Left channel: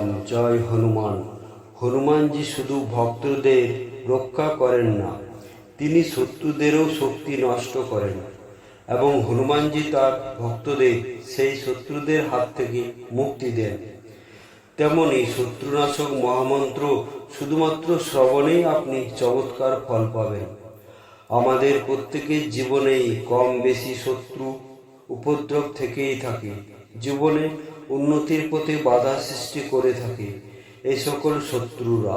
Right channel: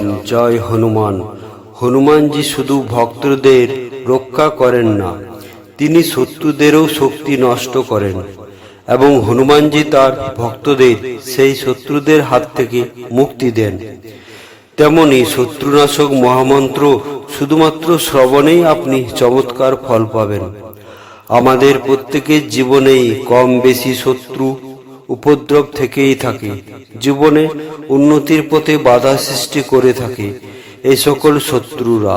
রাম জয় হনুমান। হনুমানজি শুধু ভক্তদের রক্ষা করেন না, তিনি শত্রুদেরও শক্তি নষ্ট করেন এবং হনুমানজি তার ভক্তদের সেই শত্রুদের হাত থেকে মুক্তি দেন। তেমনি শত্রুনাশক মহামন্ত্র শুধুমাত্র শ্রবণেই আপনি চমৎকার ফল পাবেন। আমাদের প্রত্যেকের জীবনেই কম বেশি শত্রু উপদ্রব থেকেই থাকে। জীবনে উন্নতির পথে বাধা সৃষ্টি করে থাকে এই সকল শত্রুরা।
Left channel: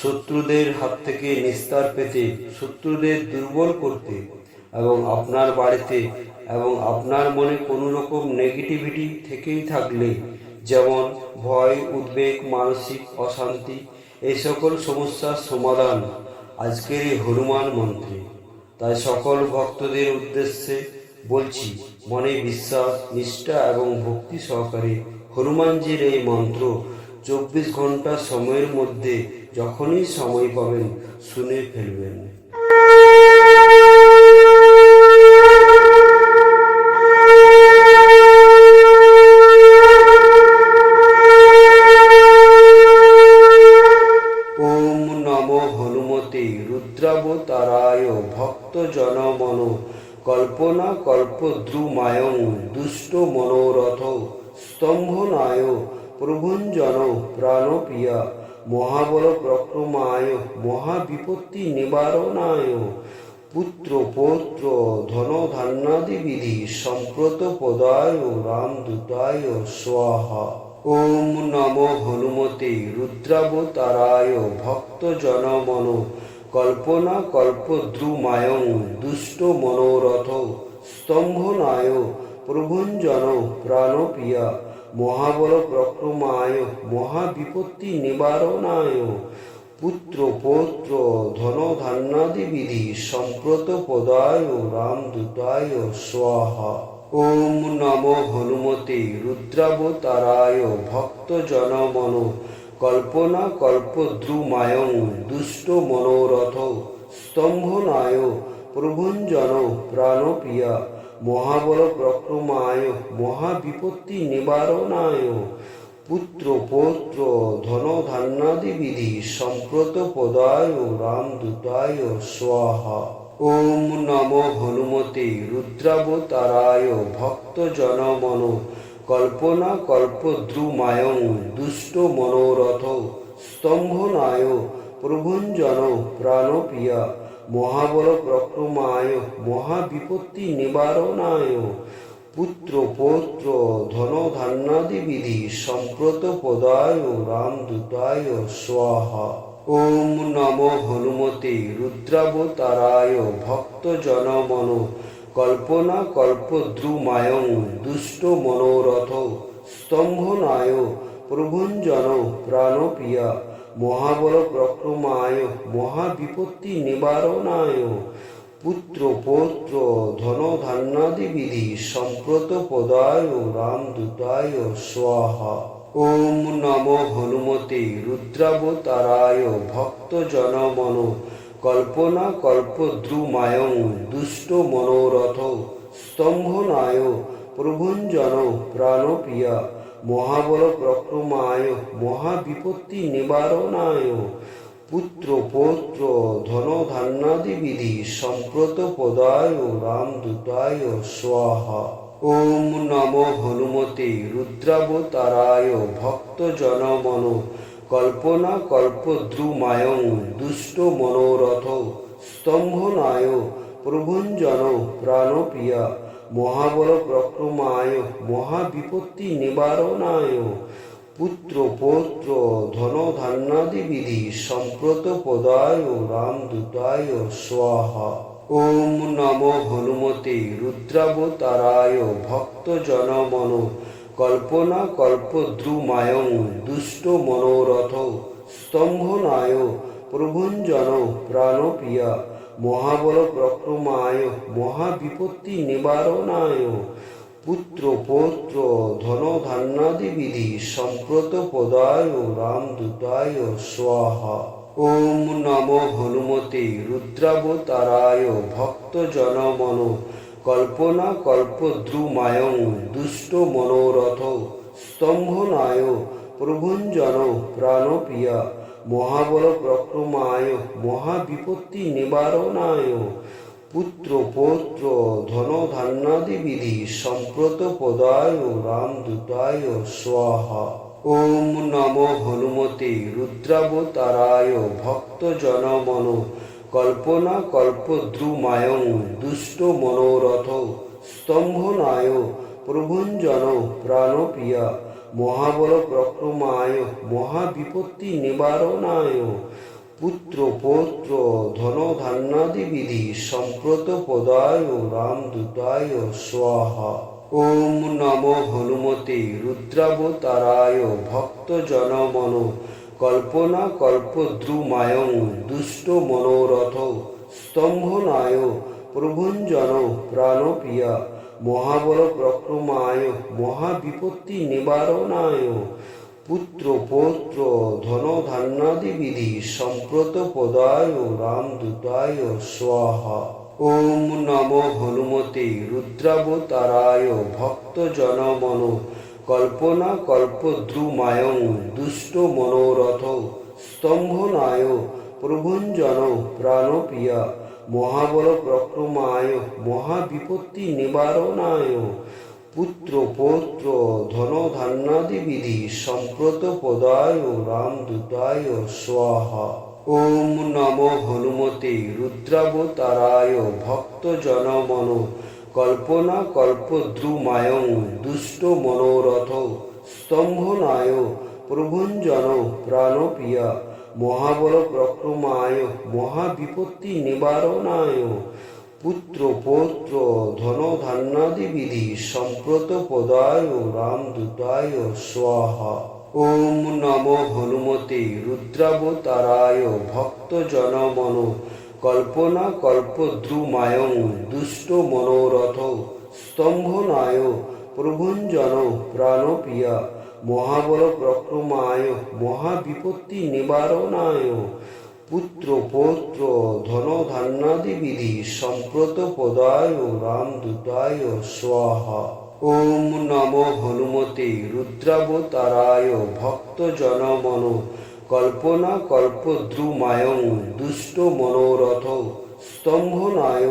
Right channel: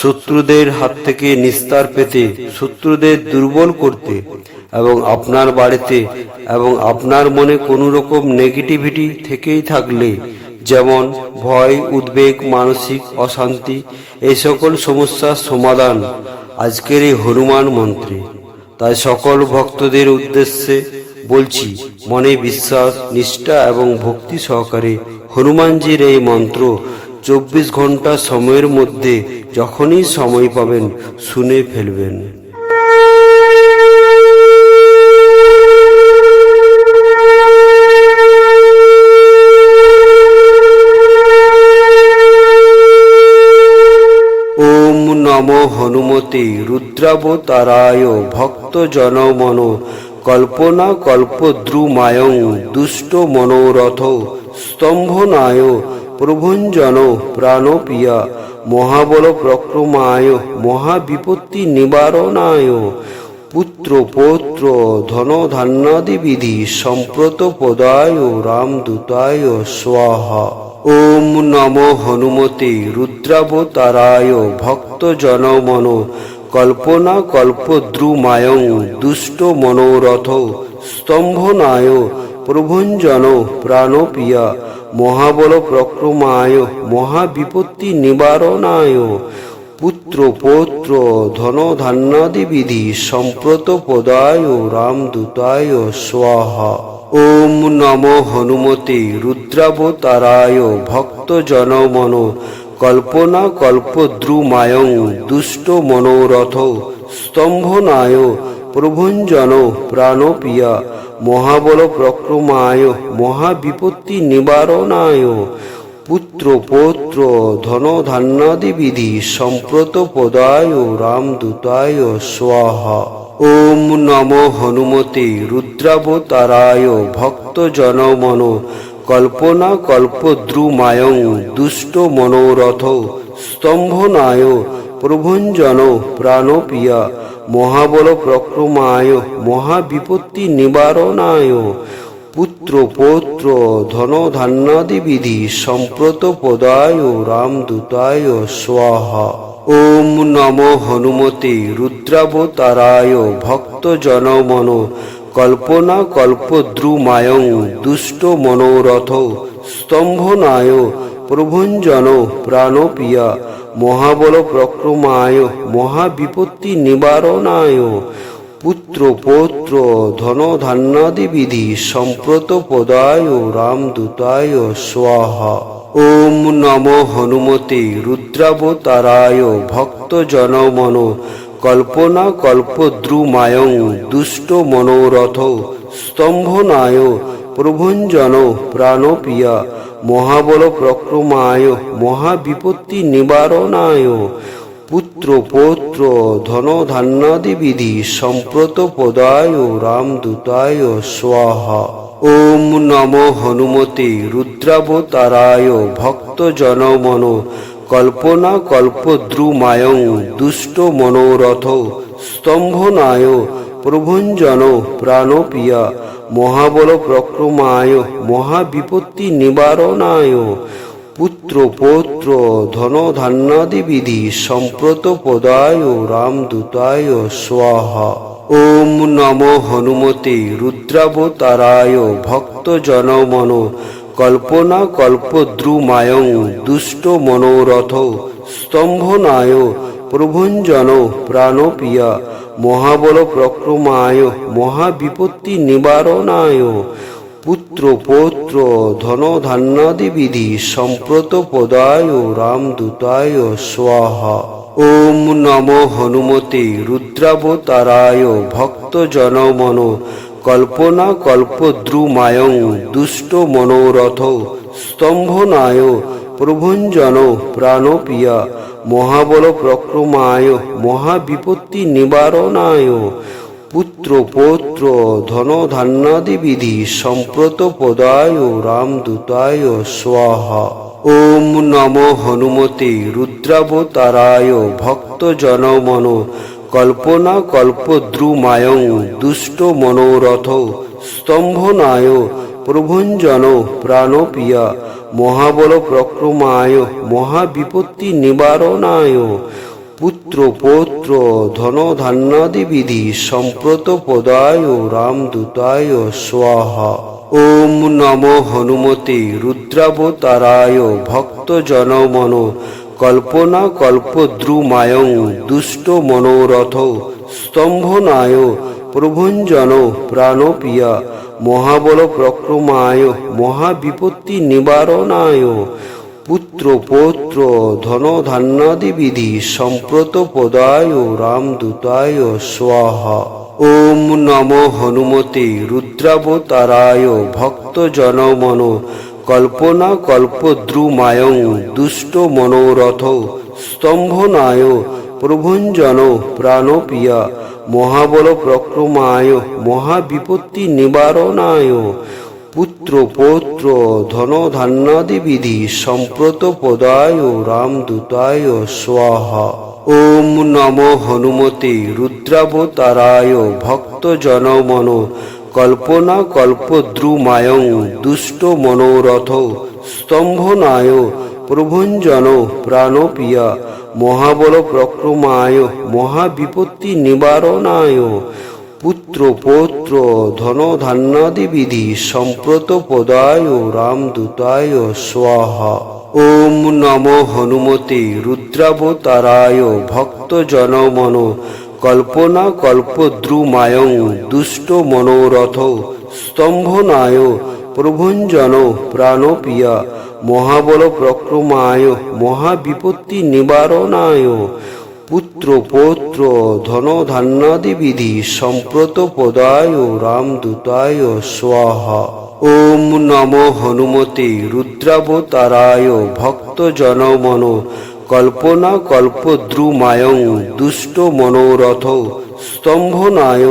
শত্রুদের হাত থেকে নিস্তার পেতে, শত্রুদের দুর্বল করতে এবং আপনার বাড়িতে এবং আপনার মনে কোনো রকম নেগেটিভিটি থেকেই থাকলে, যেমন ভয়, উদ্বেগ, মানসিক অশান্তি, এই সকল সমস্যার সমাধান আজকের এই হনুমান মন্ত্রে। তাই সকল ভক্তদের উদ্দেশ্যে বলছি, মনে বিশ্বাস, নিষ্ঠা এবং ভক্তি সহকারে হনুমানজির এই মন্ত্র চব্বিশ ঘণ্টা সময়ের মধ্যে যখনই সময় পাবেন শুনে ফেলবেন। ওম নম হনুমতে রুদ্রাবতারায় ভক্ত জনমন কল্পনা কল্পদ্রুমায়ং দুষ্ট মনোরথ স্তম্ভনায় প্রভঞ্জন প্রাণপিয়া মহাবল প্রক্রমায় মহাবিপত্তি নিবারণায় পুত্র পৌত্র ধন ধান্যাদি বিধি সম্প্রত পদায় রামদূতায় স্বাহা। ওম নম হনুমতে রুদ্রাবতারায় ভক্ত জনমন কল্পনা কল্পদ্রুমায়ং দুষ্ট মনোরথ স্তম্ভনায় প্রভঞ্জন প্রাণপিয়া মহাবল প্রক্রমায় মহাবিপত্তি নিবারণায় পুত্র পৌত্র ধন ধান্যাদি বিধি সম্প্রত পদায় রামদূতায় স্বাহা। ওম নম হনুমতে রুদ্রাবতারায় ভক্ত জনমন কল্পনা কল্পদ্রুমায়ং দুষ্ট মনোরথ স্তম্ভনায় প্রভঞ্জন প্রাণপিয়া মহাবল প্রক্রমায় মহাবিপত্তি নিবারণায় পুত্র পৌত্র ধন ধান্যাদি বিধি সম্প্রত পদায় রামদূতায় স্বাহা। ওম নম হনুমতে রুদ্রাবতারায় ভক্ত জনমন কল্পনা কল্পদ্রুমায়ং দুষ্ট মনোরথ স্তম্ভনায় প্রভঞ্জন প্রাণপিয়া মহাবল প্রক্রমায় মহাবিপত্তি নিবারণায় পুত্র পৌত্র ধন ধান্যাদি বিধি সম্প্রত পদায় রামদূতায় স্বাহা। ওম নম হনুমতে রুদ্রাবতারায় ভক্ত জনমন কল্পনা কল্পদ্রুমায়ং দুষ্ট মনোরথ স্তম্ভনায় প্রভঞ্জন প্রাণপিয়া মহাবল প্রক্রমায় মহাবিপত্তি নিবারণায় পুত্র পৌত্র ধন ধান্যাদি বিধি সম্প্রত পদায় রামদূতায় স্বাহা। ওম নম হনুমতে রুদ্রাবতারায় ভক্ত জনমন কল্পনা কল্পদ্রুমায়ং দুষ্ট মনোরথ স্তম্ভনায় প্রভঞ্জন প্রাণপিয়া মহাবল প্রক্রমায় মহাবিপত্তি নিবারণায় পুত্র পৌত্র ধন ধান্যাদি বিধি সম্প্রত পদায় রামদূতায় স্বাহা। ওম নম হনুমতে রুদ্রাবতারায় ভক্ত জনমন কল্পনা কল্পদ্রুমায়ং দুষ্ট মনোরথ স্তম্ভনায় প্রভঞ্জন প্রাণপিয়া মহাবল প্রক্রমায় মহাবিপত্তি নিবারণায় পুত্র পৌত্র ধন ধান্যাদি বিধি সম্প্রত পদায় রামদূতায় স্বাহা। ওম নম হনুমতে রুদ্রাবতারায় ভক্ত জনমন কল্পনা কল্পদ্রুমায়ং দুষ্ট মনোরথ স্তম্ভনায় প্রভঞ্জন প্রাণপিয়া মহাবল প্রক্রমায় মহাবিপত্তি নিবারণায় পুত্র পৌত্র ধন ধান্যাদি বিধি সম্প্রত পদায় রামদূতায় স্বাহা। ওম নম হনুমতে রুদ্রাবতারায় ভক্ত জনমন কল্পনা কল্পদ্রুমায়ং দুষ্ট মনোরথ স্তম্ভনায় প্রভঞ্জন প্রাণপ্রিয়া মহাবল প্রক্রমায় মহাবিপত্তি নিবারণায় পুত্র পৌত্র ধন ধান্যাদি বিধি সম্প্রত পদায় রামদূতায় স্বাহা। ওম নম হনুমতে রুদ্রাবতারায় ভক্ত জনমন কল্পনা কল্পদ্রুমায় দুষ্ট মনোরথ স্তম্ভনায় প্রভঞ্জন প্রাণপ্রিয়া মহাবল প্রক্রমায় মহাবিপত্তি নিবারণায় পুত্র পৌত্র ধন ধান্যাদি বিধি সম্প্রত পদায় রামদূতায় স্বাহা। ওম নম হনুমতে রুদ্রাবতারায় ভক্ত জনমন কল্পনা কল্পদ্রুমায় দুষ্ট মনোরথ স্তম্ভনায় প্রভঞ্জন প্রাণপ্রিয়া মহাবল প্রক্রমায় মহাবিপত্তি নিবারণায় পুত্র পৌত্র ধন ধান্যাদি বিধি সম্প্রত পদায় রামদূতায় স্বাহা। ওম নম হনুমতে রুদ্রাবতারায় ভক্ত জনমন কল্পনা কল্পদ্রুমায় দুষ্ট মনোরথ স্তম্ভনায় প্রভঞ্জন প্রাণপ্রিয়া মহাবল প্রক্রমায় মহাবিপত্তি নিবারণায় পুত্র পৌত্র ধন ধান্যাদি বিধি সম্প্রত পদায় রামদূতায় স্বাহা। ওম নম হনুমতে রুদ্রাবতারায় ভক্ত জনমন কল্পনা কল্পদ্রুমায় দুষ্ট মনোরথ স্তম্ভনায় প্রভঞ্জন প্রাণপ্রিয়া মহাবল প্রক্রমায় মহাবিপত্তি নিবারণায় পুত্র পৌত্র ধন ধান্যাদি বিধি সম্প্রত পদায় রামদূতায় স্বাহা। ওম নম হনুমতে রুদ্রাবতারায় ভক্ত জনমন কল্পনা কল্পদ্রুমায় দুষ্ট মনোরথ স্তম্ভনায় প্রভঞ্জন প্রাণপ্রিয়া মহাবল প্রক্রমায় মহাবিপত্তি নিবারণায় পুত্র পৌত্র ধন ধান্যাদি বিধি সম্প্রত পদায় রামদূতায় স্বাহা। ওম নম হনুমতে রুদ্রাবতারায় ভক্ত জনমন কল্পনা কল্পদ্রুমায় দুষ্ট মনোরথ স্তম্ভনায়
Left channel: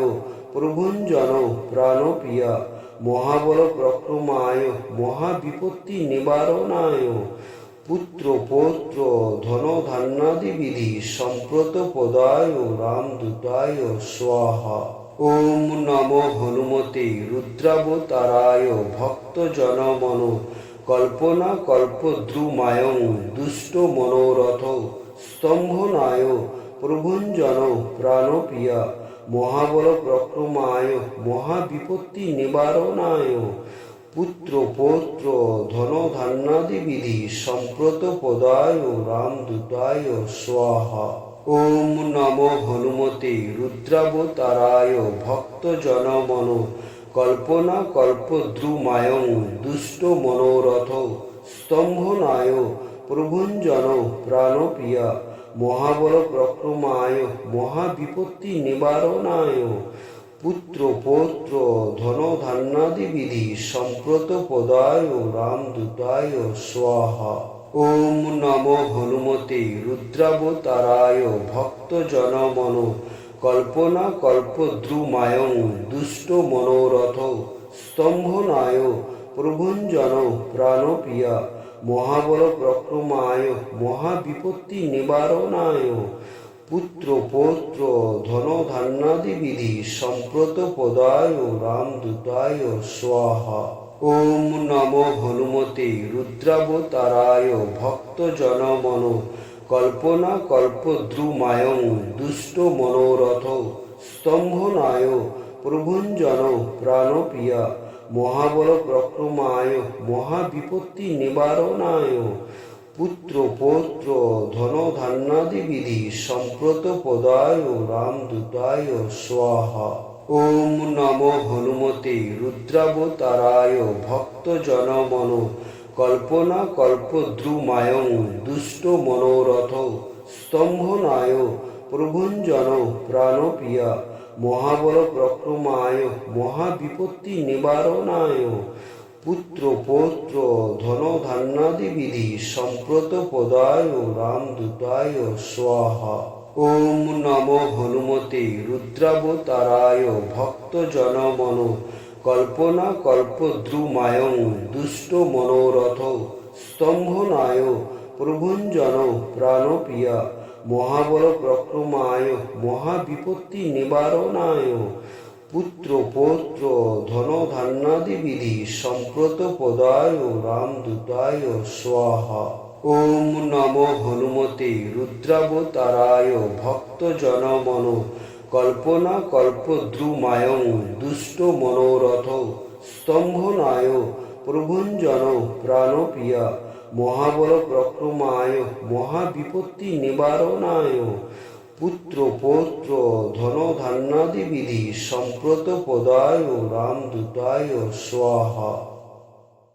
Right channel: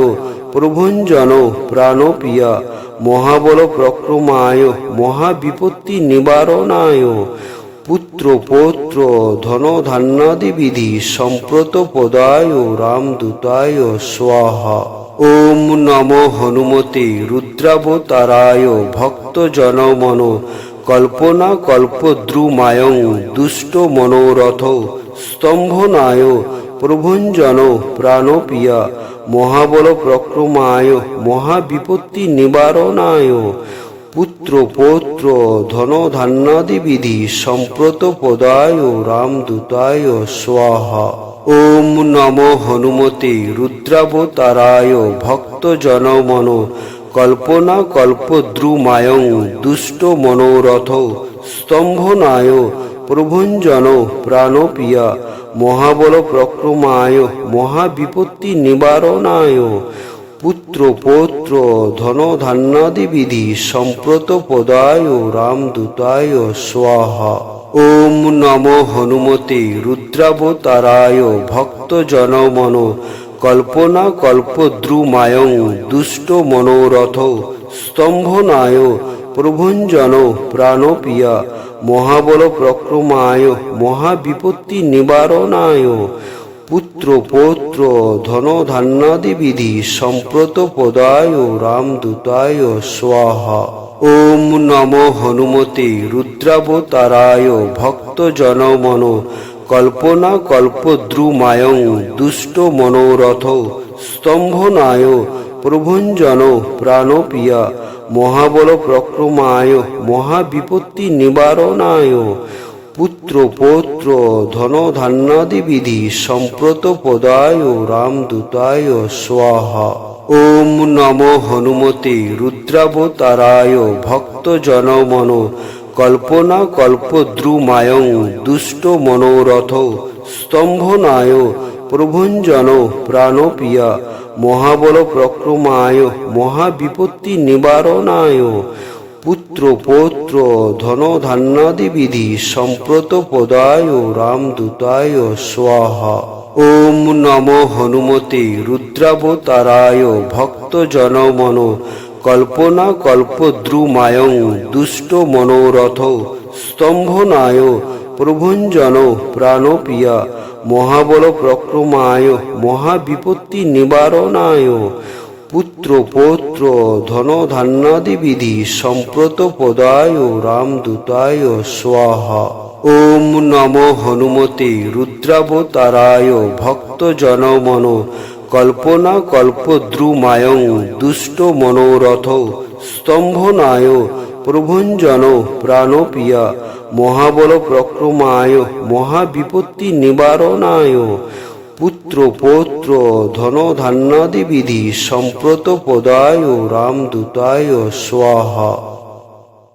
প্রভঞ্জন প্রাণপ্রিয়া মহাবল প্রক্রমায় মহাবিপত্তি নিবারণায় পুত্র পৌত্র ধন ধান্যাদি বিধি সম্প্রত পদায় রামদূতায় স্বাহা। ওম নম হনুমতে রুদ্রাবতারায় ভক্ত জনমন কল্পনা কল্পদ্রুমায় দুষ্ট মনোরথ স্তম্ভনায় প্রভঞ্জন প্রাণপ্রিয়া মহাবল প্রক্রমায় মহাবিপত্তি নিবারণায় পুত্র পৌত্র ধন ধান্যাদি বিধি সম্প্রত পদায় রামদূতায় স্বাহা। ওম নম হনুমতে রুদ্রাবতারায় ভক্ত জনমন কল্পনা কল্পদ্রুমায় দুষ্ট মনোরথ স্তম্ভনায় প্রভঞ্জন প্রাণপ্রিয়া মহাবল প্রক্রমায় মহাবিপত্তি নিবারণায় পুত্র পৌত্র ধন ধান্যাদি বিধি সম্প্রত পদায় রামদূতায় স্বাহা। ওম নম হনুমতে রুদ্রাবতারায় ভক্ত জনমন কল্পনা কল্পদ্রুমায় দুষ্ট মনোরথ স্তম্ভনায় প্রভঞ্জন প্রাণপ্রিয়া মহাবল প্রক্রমায় মহাবিপত্তি নিবারণায় পুত্র পৌত্র ধন ধান্যাদি বিধি সম্প্রত পদায় রামদূতায় স্বাহা। ওম নম হনুমতে রুদ্রাবতারায় ভক্ত জনমন কল্পনা কল্পদ্রুমায় দুষ্ট মনোরথ স্তম্ভনায় প্রভঞ্জন প্রাণপ্রিয়া মহাবল প্রক্রমায় মহাবিপত্তি নিবারণায় পুত্র পৌত্র ধন ধান্যাদি বিধি সম্প্রত পদায় রামদূতায় স্বাহা। ওম নম হনুমতে রুদ্রাবতারায় ভক্ত জনমন কল্পনা কল্পদ্রুমায় দুষ্ট মনোরথ স্তম্ভনায় প্রভঞ্জন প্রাণপ্রিয়া মহাবল প্রক্রমায় মহাবিপত্তি নিবারণায় পুত্র পৌত্র ধন ধান্যাদি বিধি সম্প্রত পদায় রামদূতায় স্বাহা। ওম নম হনুমতে রুদ্রাবতারায় ভক্ত জনমন কল্পনা কল্পদ্রুমায়ং দুষ্ট মনোরথ স্তম্ভনায় প্রভঞ্জন প্রাণপ্রিয়া মহাবল প্রক্রমায় মহাবিপত্তি নিবারণায় পুত্র পৌত্র ধন ধান্যাদি বিধি সম্প্রত পদায় রামদূতায় স্বাহা। ওম নম হনুমতে রুদ্রাবতারায় ভক্ত জনমন কল্পনা কল্পদ্রুমায়ং দুষ্ট মনোরথ স্তম্ভনায় প্রভঞ্জন প্রাণপ্রিয়া মহাবল প্রক্রমায় মহাবিপত্তি নিবারণায় পুত্র পৌত্র ধন ধান্যাদি বিধি সম্প্রত পদায় রামদূতায় স্বাহা।